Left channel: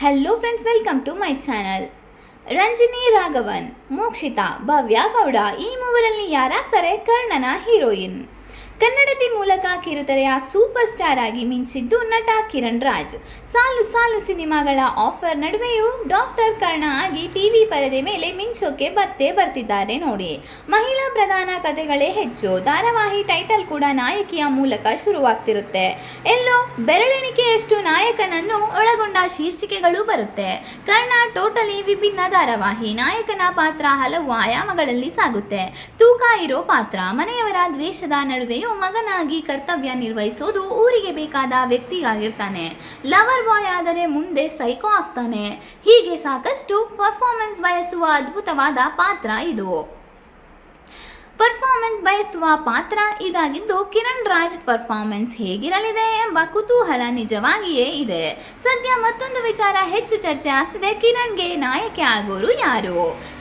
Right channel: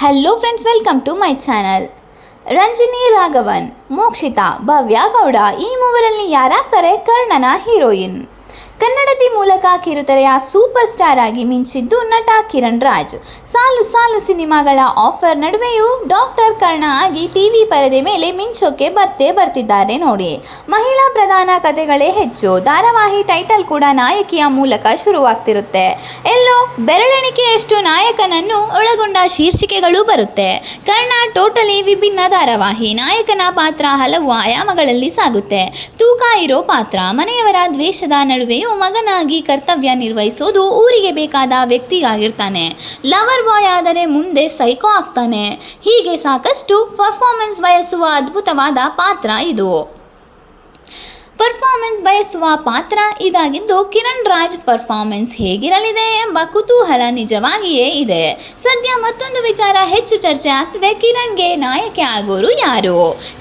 Hello friends, welcome to my channel. Ranjini Raghavan, Mokshitha, Bhavya Gowda ಈ ಮೂವರಲ್ಲಿ ಯಾರಾಗ್ತಾರೆ ಕರ್ಣನ ಹೀರೋಯಿನ್? ಕನ್ನಡತಿ ಮೂಲಕ ಕಿರುತೆರೆಯ ಸೂಪರ್ ಸ್ಟಾರ್ ಆಗಿ ಮಿಂಚಿದ್ದು ನಟ ಕಿರಣ್ ರಾಜ್. ಸಾಲು ಸಾಲು ಸಿನಿಮಾಗಳ ಆಫರ್ ನಡುವೆಯೂ ಡಾಕ್ಟರ್ ಕರ್ಣ ಆಗಿ ಟಿವಿ ಪರದೆ ಮೇಲೆ ಮಿಂಚೋಕೆ ಬರ್ತಿದ್ದಾರೆ ನೋಡಿ. ಮಹಿಳಾ ಪ್ರಧಾನ ಕಥೆಗಳೇ ಹೆಚ್ಚು. ಧಾರಾವಾಹಿ ಟೈಟಲ್ ಕೂಡ ನಾಯಕಿಯ ಮೂಲಕ ಶುರುವಾಗ್ತಿರುತ್ತೆ. ಎಲ್ಲೋ ಬೆರಳೆಣಿಕೆಯಷ್ಟು ನಾಯಕನನ್ನು ಒಳಗೊಂಡ ಶೀರ್ಷಿಕೆಗಳು ಬರುತ್ತೆ. ಕರ್ಣ ಟೋಟಲಿ ವಿಭಿನ್ನ ಧಾರಾವಾಹಿ. ನಾಯಕನ ಪಾತ್ರ ಹಲವು ಆಯಾಮಗಳಲ್ಲಿ ಸಾಗುತ್ತೆ. ತೂಕ ಇರೋ ಪಾತ್ರ. ಮನೆಯವರ ದ್ವೇಷದ ನಡುವೆಯೂ ಮಗನಾಗಿ ಕರ್ತವ್ಯ ನಿರ್ವಹಿಸೋದು. ಊರಿಗೆ ಬೇಕಾದ ವ್ಯಕ್ತಿಯಾಗಿರ್ತಾನೆ. ಲವರ್ ಬಾಯ್ ಆದರೆ ಮುಂದೆ ಸೈಕೋ ಆಗ್ತಾನೆ. ಹೀಗೆ ಸಾಕಷ್ಟು ಪರ್ಫಾರ್ಮೆನ್ಸ್ ಬಯಸುವ ಅದ್ಭುತವಾದ ಪಾತ್ರ ಇದು. ಪರ್ಫಾರ್ಮೆನ್ಸ್ ಬಯಸುವ ಪಾತ್ರ ಇದಾಗಿದ್ದು ಕಿರಣ್ ರಾಜ್ ಪರ್ಫಾರ್ಮೆನ್ಸ್ ಹೇಗಿರಲಿದೆ ಎಂಬ ಕುತೂಹಲ ನಿಜವಾಗಿಯೇ ಇದೆ. ಸದ್ಯ ಮತ್ತೊಂದು ವಿಚಾರ ಹೆಚ್ಚು ಚರ್ಚೆ ಆಗ್ತಿದೆ. ಕಿರಣ್ಗೆ ನಾಯಕಿ ಆಗೋರು ಯಾರು?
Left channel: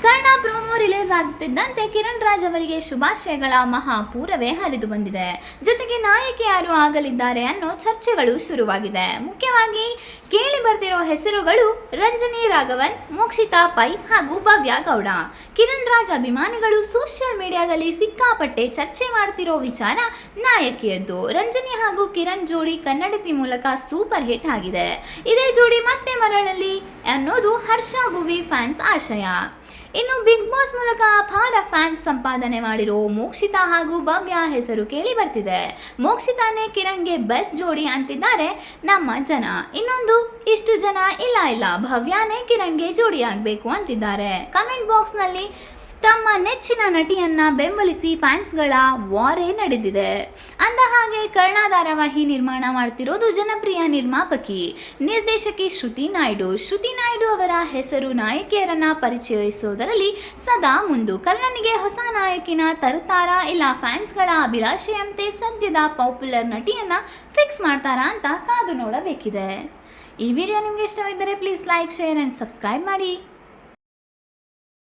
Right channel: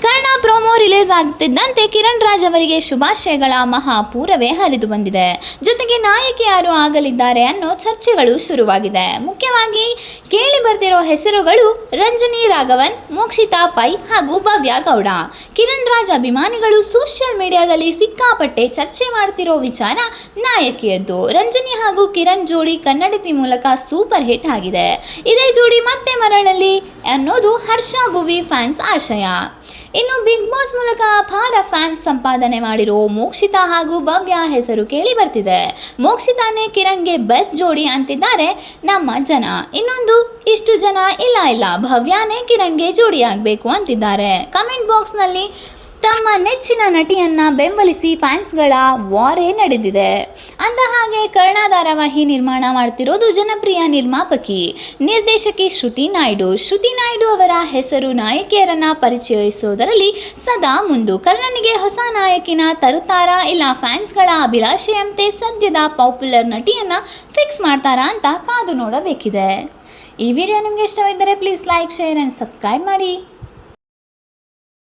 ಕರ್ಣ ಪ್ರೋಮೋ ರಿಲೀಸ್ ಆಗ್ತಿದ್ದಂತೆ ಕಿರಣ್ ರಾಜ್ ಅವರಿಗೆ ಶುಭಾಶಯಗಳ ಮಹಾಪೂರವೇ ಹರಿದು ಬಂದಿದೆ. ಜೊತೆಗೆ ನಾಯಕಿ ಯಾರು ಆಗಲಿದ್ದಾರೆ ಅನ್ನೋ ಚರ್ಚೆಗಳು ಶುರುವಾಗಿದೆ. ಮುಖ್ಯವಾಗಿ ಕೇಳಿ ಬರ್ತಿರೋ ಹೆಸರುಗಳು ರಂಜಿನಿ ರಾಘವನ್, ಮೋಕ್ಷಿತಾ ಪೈ ಹಾಗೂ ಭವ್ಯ ಗೌಡ. ಕಿರಣ್ ರಾಜ್ ಅಭಿಮಾನಿಗಳು ಸೋಷಿಯಲ್ ಮೀಡಿಯಾದಲ್ಲಿ ಸಿಕ್ಕಾಪಟ್ಟೆ ಚರ್ಚೆ ಮಾಡ್ತಿರೋ ವಿಚಾರ ನಾಯಕಿಯದ್ದು. ರಂಜಿನಿ ಹಾಗೂ ಕಿರಣ್ ಜೋಡಿ ಕನ್ನಡತಿ ಮೂಲಕ ಸೂಪರ್ ಹಿಟ್ ಆಗಿದೆ. ಇದೇ ಜೋಡಿ ಮತ್ತೆ ಮರಳಲಿ ಅನ್ನೋದು ಹರ್ಷ ಭುವಿ ಫ್ಯಾನ್ಸ್ ಆಶಯ. ಇನ್ನು ಬಿಗ್ ಬಾಸ್ ಮೂಲಕ ಅಪಾರ ಫ್ಯಾನ್ಸ್ ಸಂಪಾದನೆ ಮಾಡಿರೋ ಮೋಕ್ಷಿತಾ ಹಾಗೂ ಭವ್ಯ ಹೆಸರು ಕೇಳಿ ಬರ್ತಿದೆ. ಮೋಕ್ಷಿತಾನೇ ಕಿರಣ್ಗೆ ಬೆಸ್ಟ್ ಜೋಡಿ ಅಂತಿದ್ದಾರೆ ನಮ್ಮ ಜನ. ಇನ್ನೊಂದು ಇಷ್ಟು ಜನ ಇಲ್ಲ ಭವ್ಯಾನೇ ಕಿರಣ್ಗೆ ಜೋಡಿ ಆಗಬೇಕು ಅಂತಿದ್ದಾರೆ. ಕಮೆಂಟ್ ಬಾಕ್ಸ್ನಲ್ಲಿ ತಮ್ಮ ನೆಚ್ಚಿನ ನಟಿಯನ್ನ ಬೆಂಬಲಿಸಿ ಫ್ಯಾನ್ಸ್ಗಳ ವಾರೇ ನಡೆದಿದೆ. ಅಂದ ಹಾಗೆ ಕರ್ಣ ಧಾರಾವಾಹಿ ನಿರ್ಮಾಣ ಮಾಡ್ತಿರೋದು ಜನಪ್ರಿಯ ನಿರ್ಮಾಪಕಿ, ನಿರ್ದೇಶಕಿ ಶ್ರುತಿ ನಾಯ್ಡು ಅವರ ಹೆಸರು ನಾಯಕಿಯರನ್ನ ಪರಿಚಯಿಸೋದರಲ್ಲಿ ಸದಾ ಮುಂದು. ಕರ್ಣನಿಗೆ ಹೊಸ ನಾಯಕಿನ ತರುತ್ತಾರಾ ಇಲ್ಲ ಫ್ಯಾನ್ಸ್ಗಳ ಅಭಿಲಾಷೆಯಂತೆ ಸದ್ಯದ ಪಾಪ್ಯುಲರ್ ನಟಿಯನ್ನ ಫಿಕ್ಸ್ ಮಾಡ್ತಾರಾ ಅಂತ ಕಾದು ನೋಡಬೇಕಿದೆ. ಈ ವಿಡಿಯೋ ನಿಮಗೆ ಇಷ್ಟವಿದ್ದರೆ please like, share and subscribe ಮಾಡಿ.